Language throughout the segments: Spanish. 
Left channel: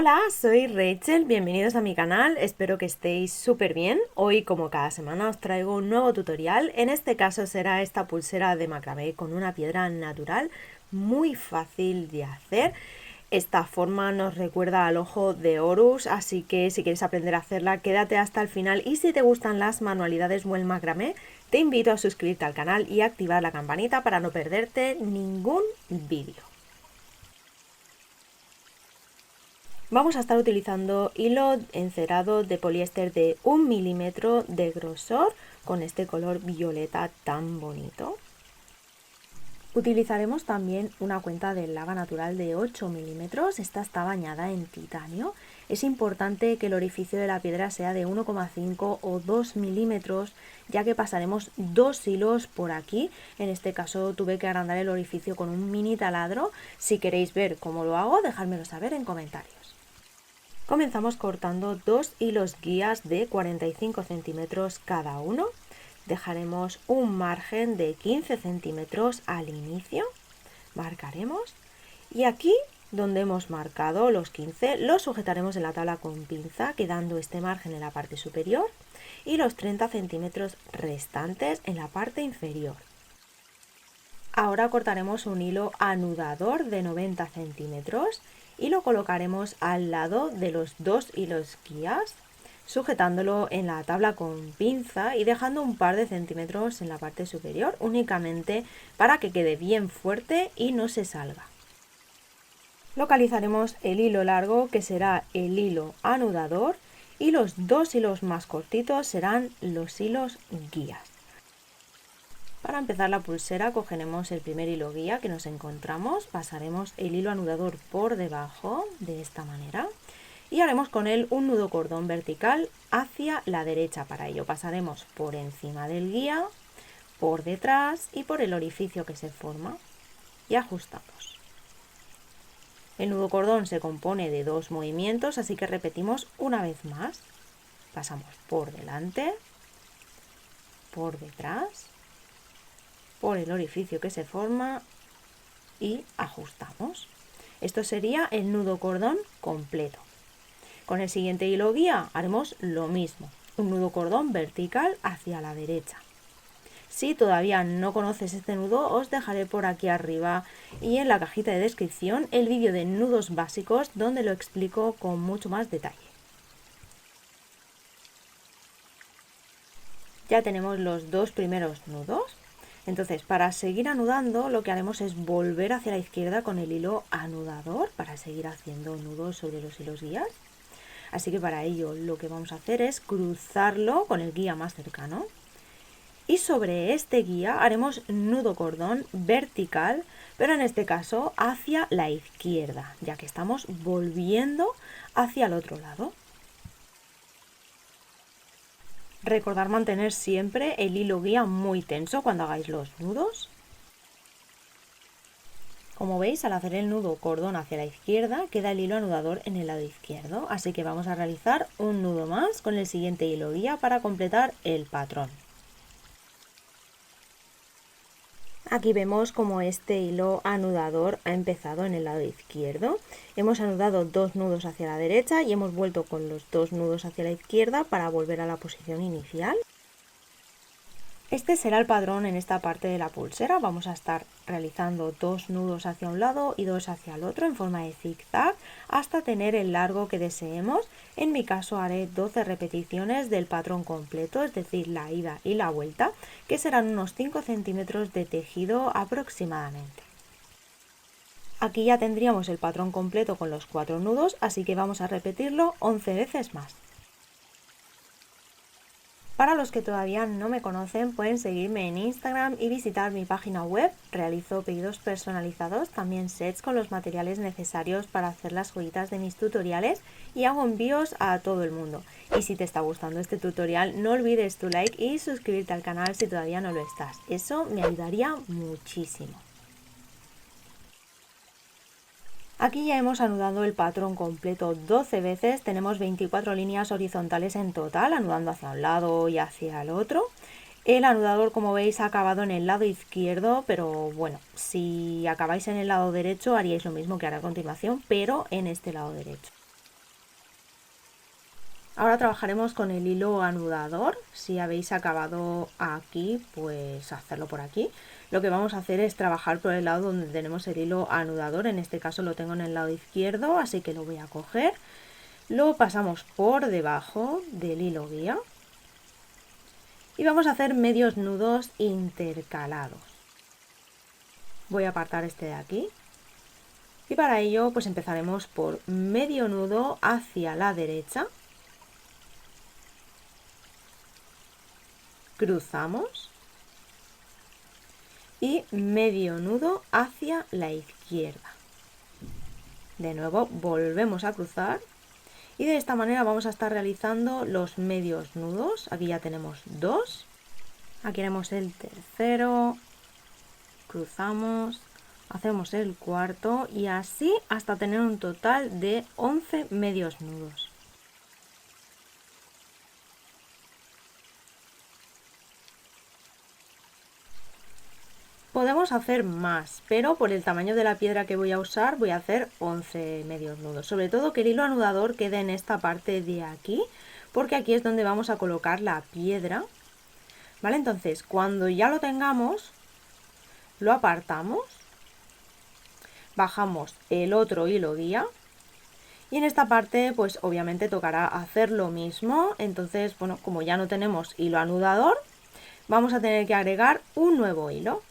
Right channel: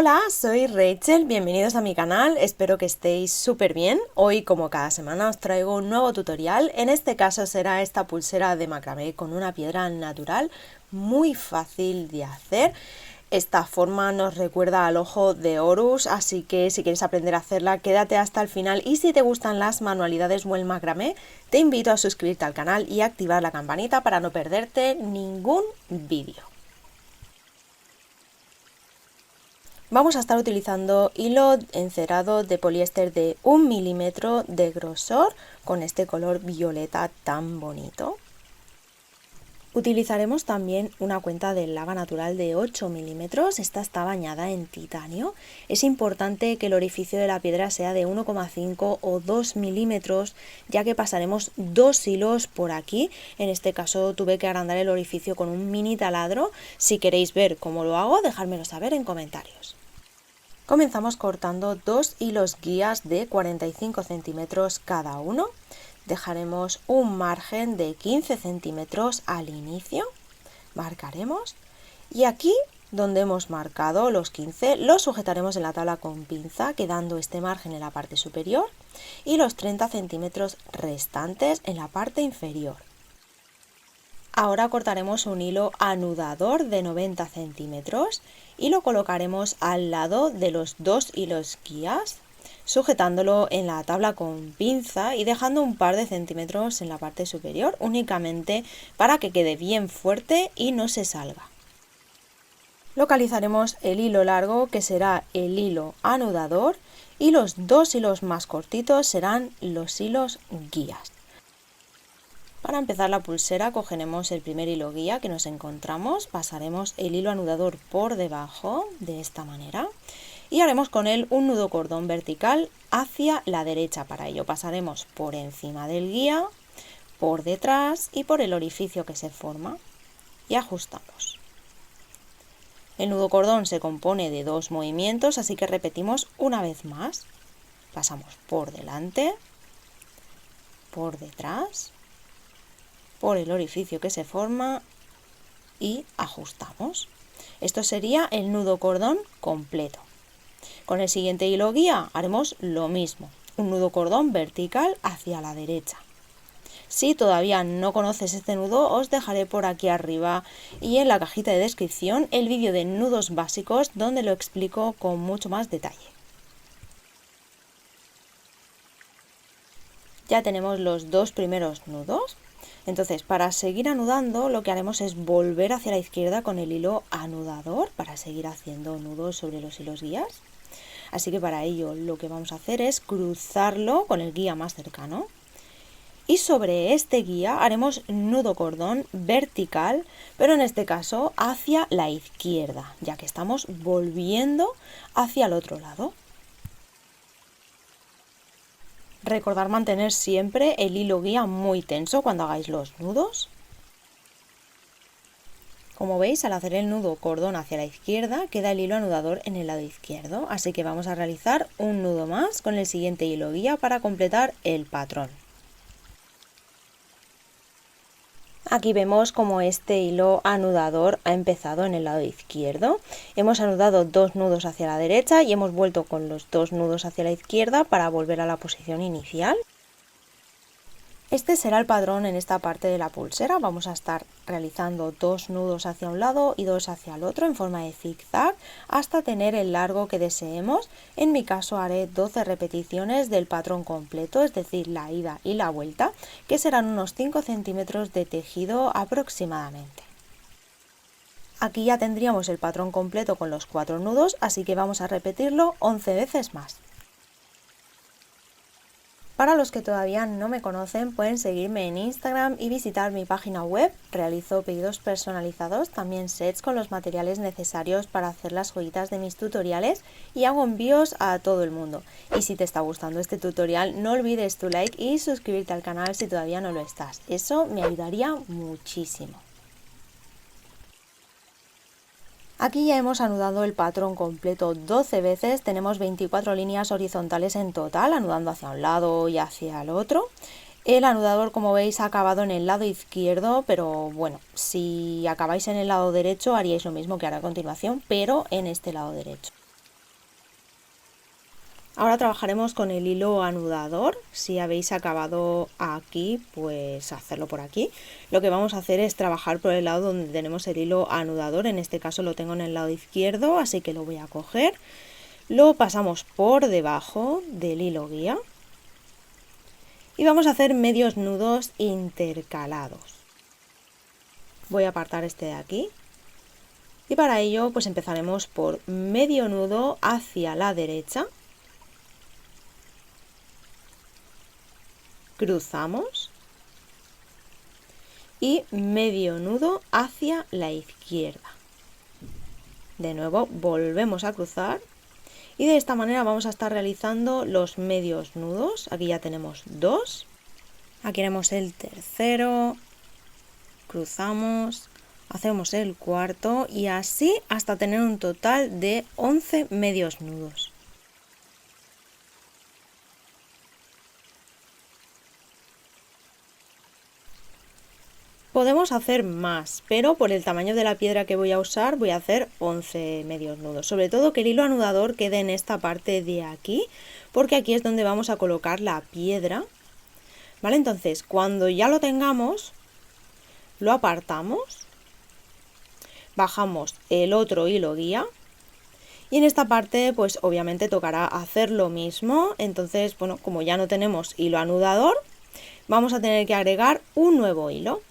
Hola, soy Rachel, bienvenidos a mi canal, espero que estéis súper bien. Hoy, como cada semana, os traigo un nuevo tutorial. En este caso será esta pulsera de macramé con una piedra natural, muy fácil de hacer. Esta forma nos recuerda al ojo de Horus, así que si quieres aprender a hacerla, quédate hasta el final. Y si te gustan las manualidades o el macramé, te invito a suscribirte al canal y activar la campanita para no perderte ningún vídeo. Vamos a estar utilizando hilo encerado de poliéster de 1 milímetro de grosor con este color violeta tan bonito. Utilizaremos también una cuenta de lava natural de 8 milímetros, esta está bañada en titanio. Es importante que el orificio de la piedra sea de 1,5 o 2 milímetros, ya que pasaremos 2 hilos por aquí. En este caso tuve que agrandar el orificio con un mini taladro. Si queréis ver cómo lo hago, dejádmelo saber en comentarios. Comenzamos cortando 2 hilos guías de 45 centímetros cada uno. Dejaremos un margen de 15 centímetros al inicio. Marcaremos. Y aquí, donde hemos marcado los 15, los sujetaremos en la tabla con pinza, quedando este margen en la parte superior y los 30 centímetros restantes en la parte inferior. Ahora cortaremos un hilo anudador de 90 centímetros y lo colocaremos al lado de los 2 hilos guías, sujetándolo en la tabla con pinza y dejando un par de centímetros en la parte superior, únicamente para que quede bien fuerte y no se salga. Localizaremos el hilo largo, que será el hilo anudador, y los 2 hilos más cortitos serán los hilos guías. Para empezar la pulsera cogeremos el primer hilo guía que nos encontramos, pasaremos el hilo anudador por debajo de esta manera y haremos con él un nudo cordón vertical hacia la derecha. Para ello pasaremos por encima del guía, por detrás y por el orificio que se forma y ajustamos. El nudo cordón se compone de 2 movimientos, así que repetimos una vez más. Pasamos por delante, por detrás, por el orificio que se forma y ajustamos. Esto sería el nudo cordón completo. Con el siguiente hilo guía haremos lo mismo, un nudo cordón vertical hacia la derecha. Si todavía no conoces este nudo, os dejaré por aquí arriba y en la cajita de descripción el vídeo de nudos básicos donde lo explico con mucho más detalle. Ya tenemos los 2 primeros nudos. Entonces, para seguir anudando, lo que haremos es volver hacia la izquierda con el hilo anudador para seguir haciendo nudos sobre los hilos guías. Así que para ello lo que vamos a hacer es cruzarlo con el guía más cercano. Y sobre este guía haremos nudo cordón vertical, pero en este caso hacia la izquierda, ya que estamos volviendo hacia el otro lado. Recordad mantener siempre el hilo guía muy tenso cuando hagáis los nudos. Como veis, al hacer el nudo cordón hacia la izquierda, queda el hilo anudador en el lado izquierdo, así que vamos a realizar un nudo más con el siguiente hilo guía para completar el patrón. Aquí vemos como este hilo anudador ha empezado en el lado izquierdo. Hemos anudado 2 nudos hacia la derecha y hemos vuelto con los 2 nudos hacia la izquierda para volver a la posición inicial. Este será el patrón en esta parte de la pulsera. Vamos a estar realizando 2 nudos hacia un lado y 2 hacia el otro en forma de zigzag hasta tener el largo que deseemos. En mi caso haré 12 repeticiones del patrón completo, es decir, la ida y la vuelta, que serán unos 5 centímetros de tejido aproximadamente. Aquí ya tendríamos el patrón completo con los 4 nudos, así que vamos a repetirlo 11 veces más. Para los que todavía no me conocen, pueden seguirme en Instagram y visitar mi página web. Realizo pedidos personalizados, también sets con los materiales necesarios para hacer las joyitas de mis tutoriales y hago envíos a todo el mundo. Y si te está gustando este tutorial, no olvides tu like y suscribirte al canal si todavía no lo estás. Eso me ayudaría muchísimo. Aquí ya hemos anudado el patrón completo 12 veces, tenemos 24 líneas horizontales en total, anudando hacia un lado y hacia el otro. El anudador, como veis, ha acabado en el lado izquierdo, pero bueno, si acabáis en el lado derecho haríais lo mismo que haré a continuación, pero en este lado derecho. Ahora trabajaremos con el hilo anudador. Si habéis acabado aquí, pues hacerlo por aquí. Lo que vamos a hacer es trabajar por el lado donde tenemos el hilo anudador. En este caso lo tengo en el lado izquierdo, así que lo voy a coger. Lo pasamos por debajo del hilo guía. Y vamos a hacer medios nudos intercalados. Voy a apartar este de aquí. Y para ello, pues empezaremos por medio nudo hacia la derecha. Cruzamos y medio nudo hacia la izquierda. De nuevo volvemos a cruzar y de esta manera vamos a estar realizando los medios nudos. Aquí ya tenemos 2, aquí haremos el tercero, cruzamos, hacemos el cuarto y así hasta tener un total de 11 medios nudos. Podemos hacer más, pero por el tamaño de la piedra que voy a usar voy a hacer 11 medios nudos. Sobre todo que el hilo anudador quede en esta parte de aquí, porque aquí es donde vamos a colocar la piedra. ¿Vale? Entonces, cuando ya lo tengamos, lo apartamos, bajamos el otro hilo guía y en esta parte pues obviamente tocará hacer lo mismo. Entonces, bueno, como ya no tenemos hilo anudador, vamos a tener que agregar un nuevo hilo.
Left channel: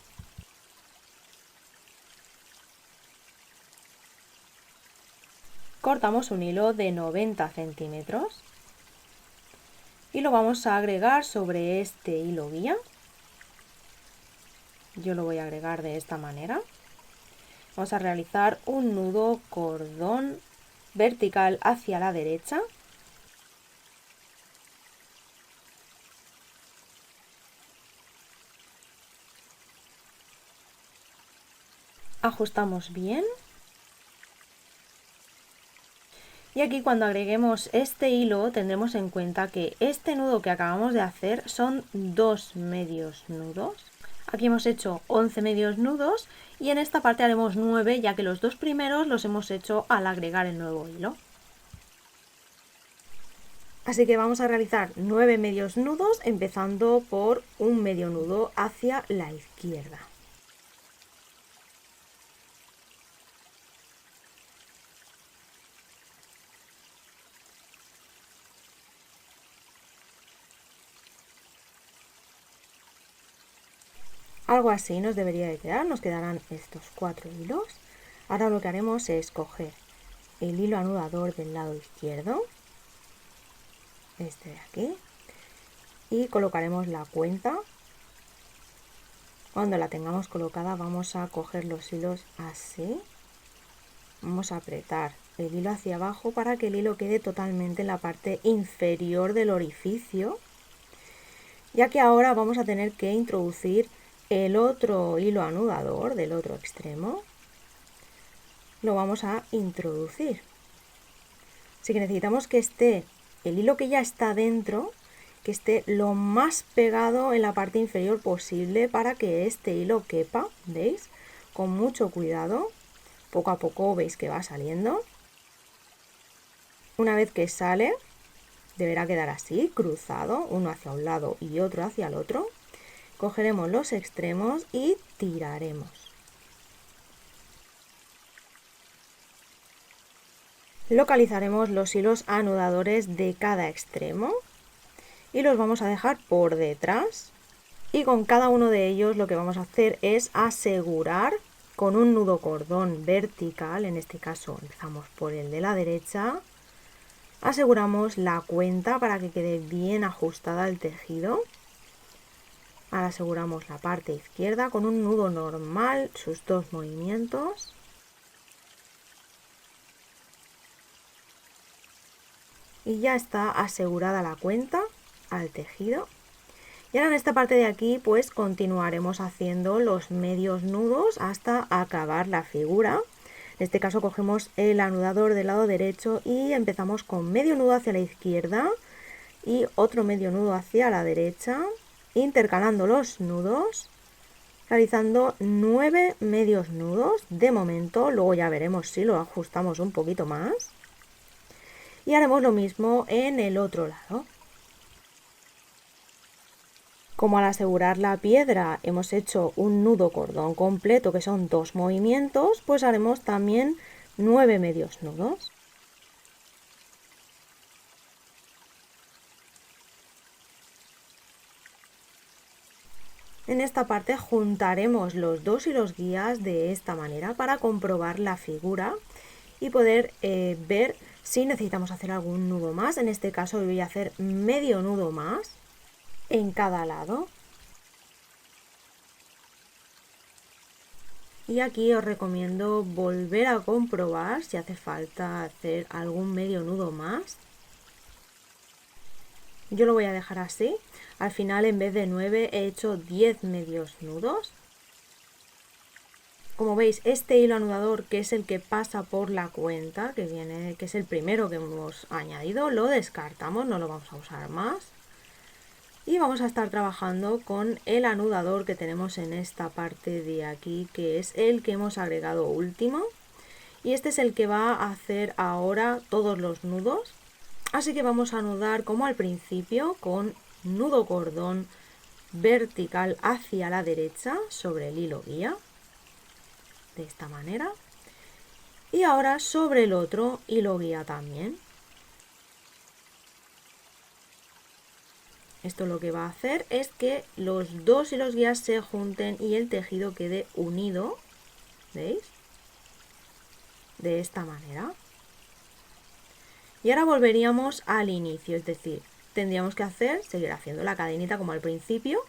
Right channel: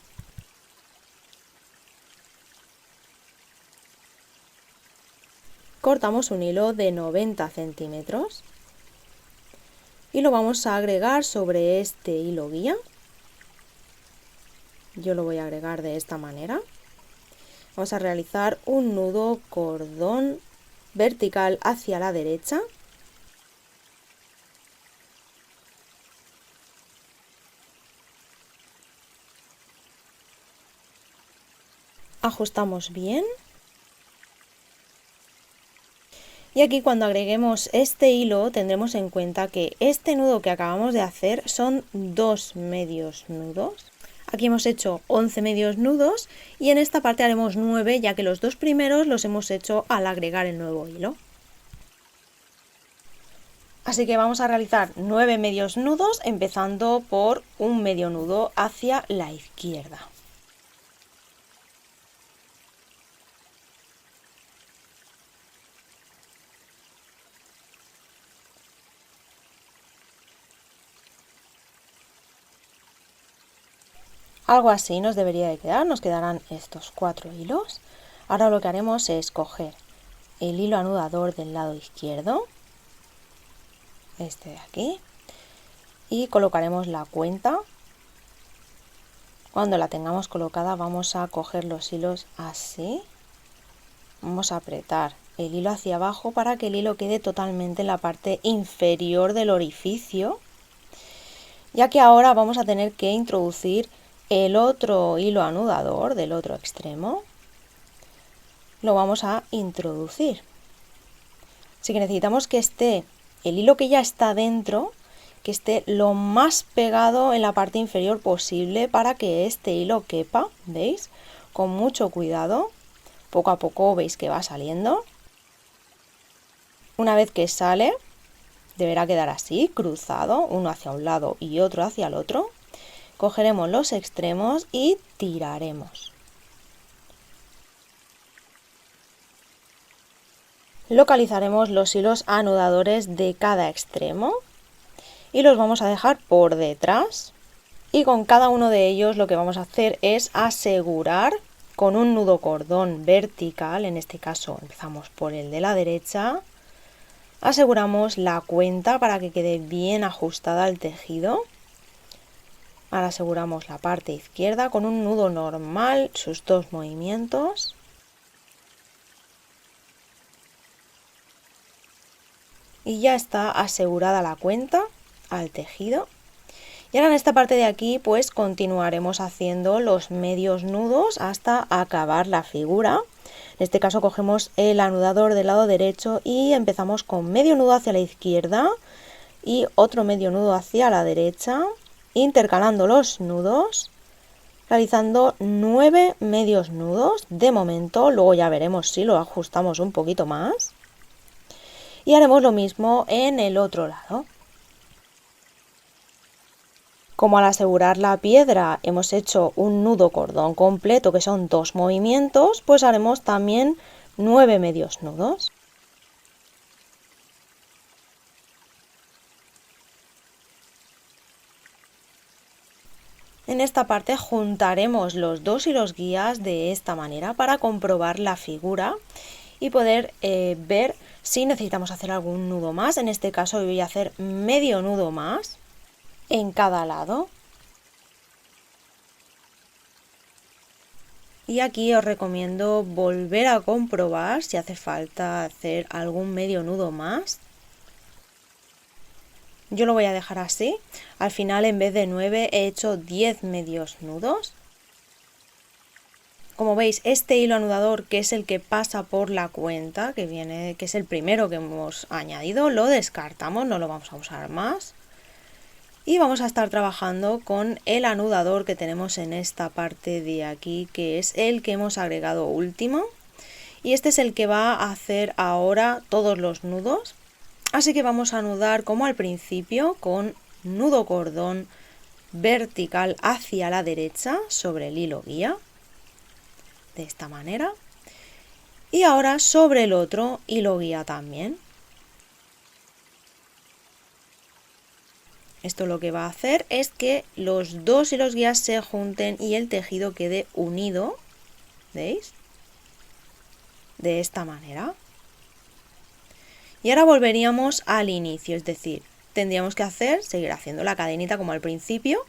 Cortamos un hilo de 90 centímetros y lo vamos a agregar sobre este hilo guía. Yo lo voy a agregar de esta manera. Vamos a realizar un nudo cordón vertical hacia la derecha. Ajustamos bien. Y aquí cuando agreguemos este hilo tendremos en cuenta que este nudo que acabamos de hacer son 2 medios nudos. Aquí hemos hecho 11 medios nudos y en esta parte haremos 9 ya que los 2 primeros los hemos hecho al agregar el nuevo hilo. Así que vamos a realizar 9 medios nudos empezando por un medio nudo hacia la izquierda. Algo así nos debería de quedar, nos quedarán estos 4 hilos. Ahora lo que haremos es coger el hilo anudador del lado izquierdo, este de aquí, y colocaremos la cuenta. Cuando la tengamos colocada vamos a coger los hilos así, vamos a apretar el hilo hacia abajo para que el hilo quede totalmente en la parte inferior del orificio, ya que ahora vamos a tener que introducir el otro hilo anudador del otro extremo. Lo vamos a introducir. Así que necesitamos que esté el hilo que ya está dentro, que esté lo más pegado en la parte inferior posible para que este hilo quepa, ¿veis? Con mucho cuidado, poco a poco veis que va saliendo. Una vez que sale, deberá quedar así, cruzado, uno hacia un lado y otro hacia el otro. Cogeremos los extremos y tiraremos. Localizaremos los hilos anudadores de cada extremo y los vamos a dejar por detrás. Y con cada uno de ellos lo que vamos a hacer es asegurar con un nudo cordón vertical, en este caso empezamos por el de la derecha, aseguramos la cuenta para que quede bien ajustada al tejido. Ahora aseguramos la parte izquierda con un nudo normal, sus 2 movimientos. Y ya está asegurada la cuenta al tejido. Y ahora en esta parte de aquí pues continuaremos haciendo los medios nudos hasta acabar la figura. En este caso cogemos el anudador del lado derecho y empezamos con medio nudo hacia la izquierda y otro medio nudo hacia la derecha, intercalando los nudos, realizando 9 medios nudos de momento. Luego ya veremos si lo ajustamos un poquito más. Y haremos lo mismo en el otro lado. Como al asegurar la piedra hemos hecho un nudo cordón completo, que son 2 movimientos, pues haremos también 9 medios nudos. En esta parte juntaremos los 2 hilos guías de esta manera para comprobar la figura y poder ver si necesitamos hacer algún nudo más. En este caso voy a hacer medio nudo más en cada lado. Y aquí os recomiendo volver a comprobar si hace falta hacer algún medio nudo más. Yo lo voy a dejar así. Al final, en vez de 9 he hecho 10 medios nudos. Como veis, este hilo anudador, que es el que pasa por la cuenta, que es el primero que hemos añadido, lo descartamos, no lo vamos a usar más. Y vamos a estar trabajando con el anudador que tenemos en esta parte de aquí, que es el que hemos agregado último. Y este es el que va a hacer ahora todos los nudos. Así que vamos a anudar como al principio con nudo cordón vertical hacia la derecha sobre el hilo guía. De esta manera. Y ahora sobre el otro hilo guía también. Esto lo que va a hacer es que los 2 hilos guías se junten y el tejido quede unido, ¿veis? De esta manera. Y ahora volveríamos al inicio, es decir, tendríamos que seguir haciendo la cadenita como al principio.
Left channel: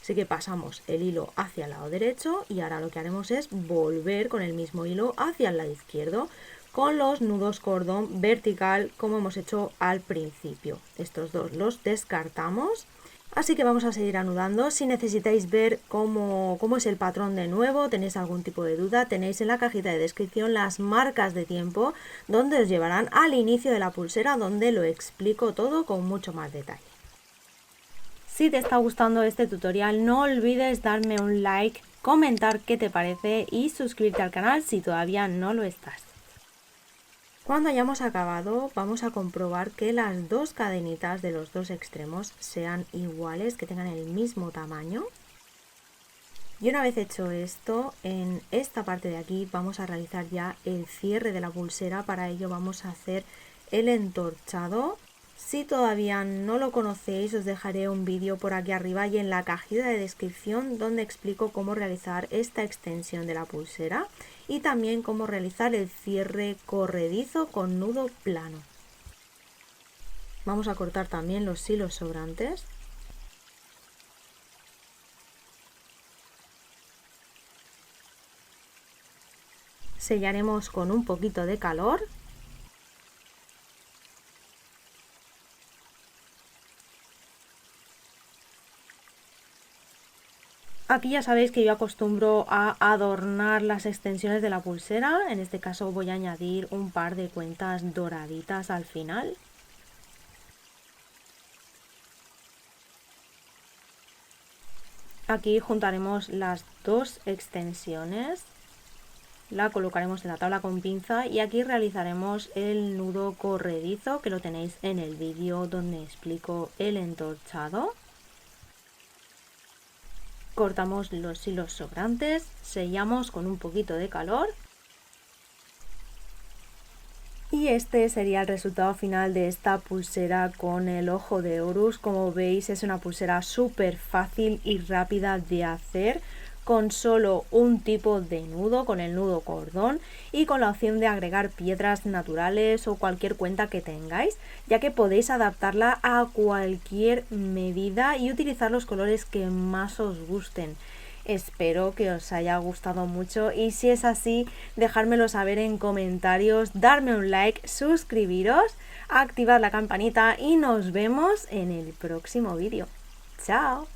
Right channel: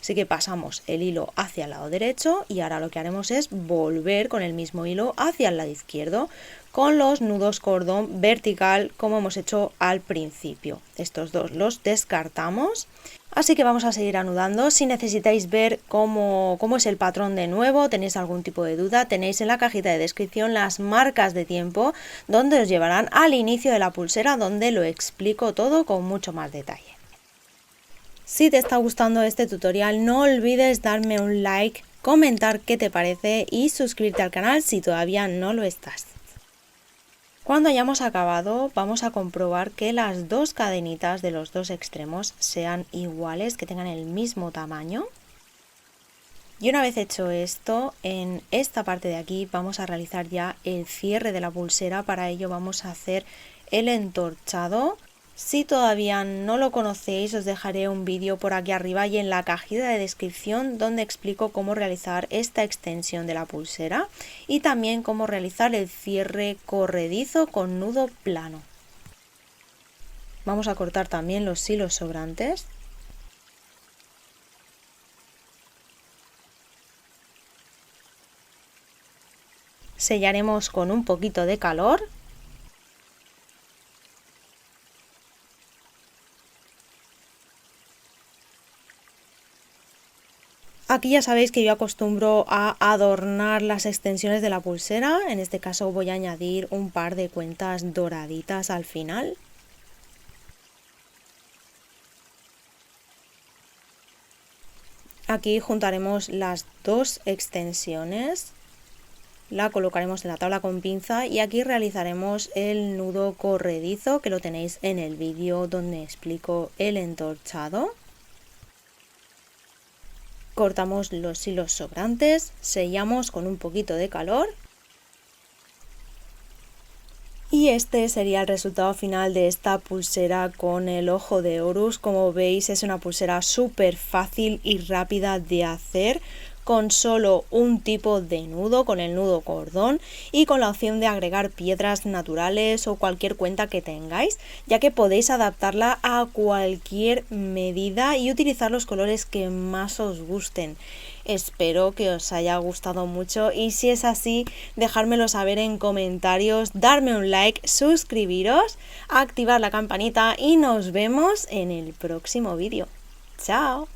Así que pasamos el hilo hacia el lado derecho y ahora lo que haremos es volver con el mismo hilo hacia el lado izquierdo, con los nudos cordón vertical como hemos hecho al principio. Estos dos los descartamos. Así que vamos a seguir anudando. Si necesitáis ver cómo es el patrón de nuevo, tenéis algún tipo de duda, tenéis en la cajita de descripción las marcas de tiempo donde os llevarán al inicio de la pulsera, donde lo explico todo con mucho más detalle. Si te está gustando este tutorial, no olvides darme un like, comentar qué te parece y suscribirte al canal si todavía no lo estás. Cuando hayamos acabado, vamos a comprobar que las 2 cadenitas de los 2 extremos sean iguales, que tengan el mismo tamaño. Y una vez hecho esto, en esta parte de aquí vamos a realizar ya el cierre de la pulsera. Para ello vamos a hacer el entorchado. Si todavía no lo conocéis, os dejaré un vídeo por aquí arriba y en la cajita de descripción donde explico cómo realizar esta extensión de la pulsera y también cómo realizar el cierre corredizo con nudo plano. Vamos a cortar también los hilos sobrantes. Sellaremos con un poquito de calor. Aquí ya sabéis que yo acostumbro a adornar las extensiones de la pulsera. En este caso voy a añadir un par de cuentas doraditas al final. Aquí juntaremos las 2 extensiones. La colocaremos en la tabla con pinza y aquí realizaremos el nudo corredizo, que lo tenéis en el vídeo donde explico el entorchado. Cortamos los hilos sobrantes, sellamos con un poquito de calor. Y este sería el resultado final de esta pulsera con el ojo de Horus. Como veis, es una pulsera súper fácil y rápida de hacer, con solo un tipo de nudo, con el nudo cordón y con la opción de agregar piedras naturales o cualquier cuenta que tengáis, ya que podéis adaptarla a cualquier medida y utilizar los colores que más os gusten. Espero que os haya gustado mucho y si es así, dejármelo saber en comentarios, darme un like, suscribiros, activar la campanita y nos vemos en el próximo vídeo. ¡Chao!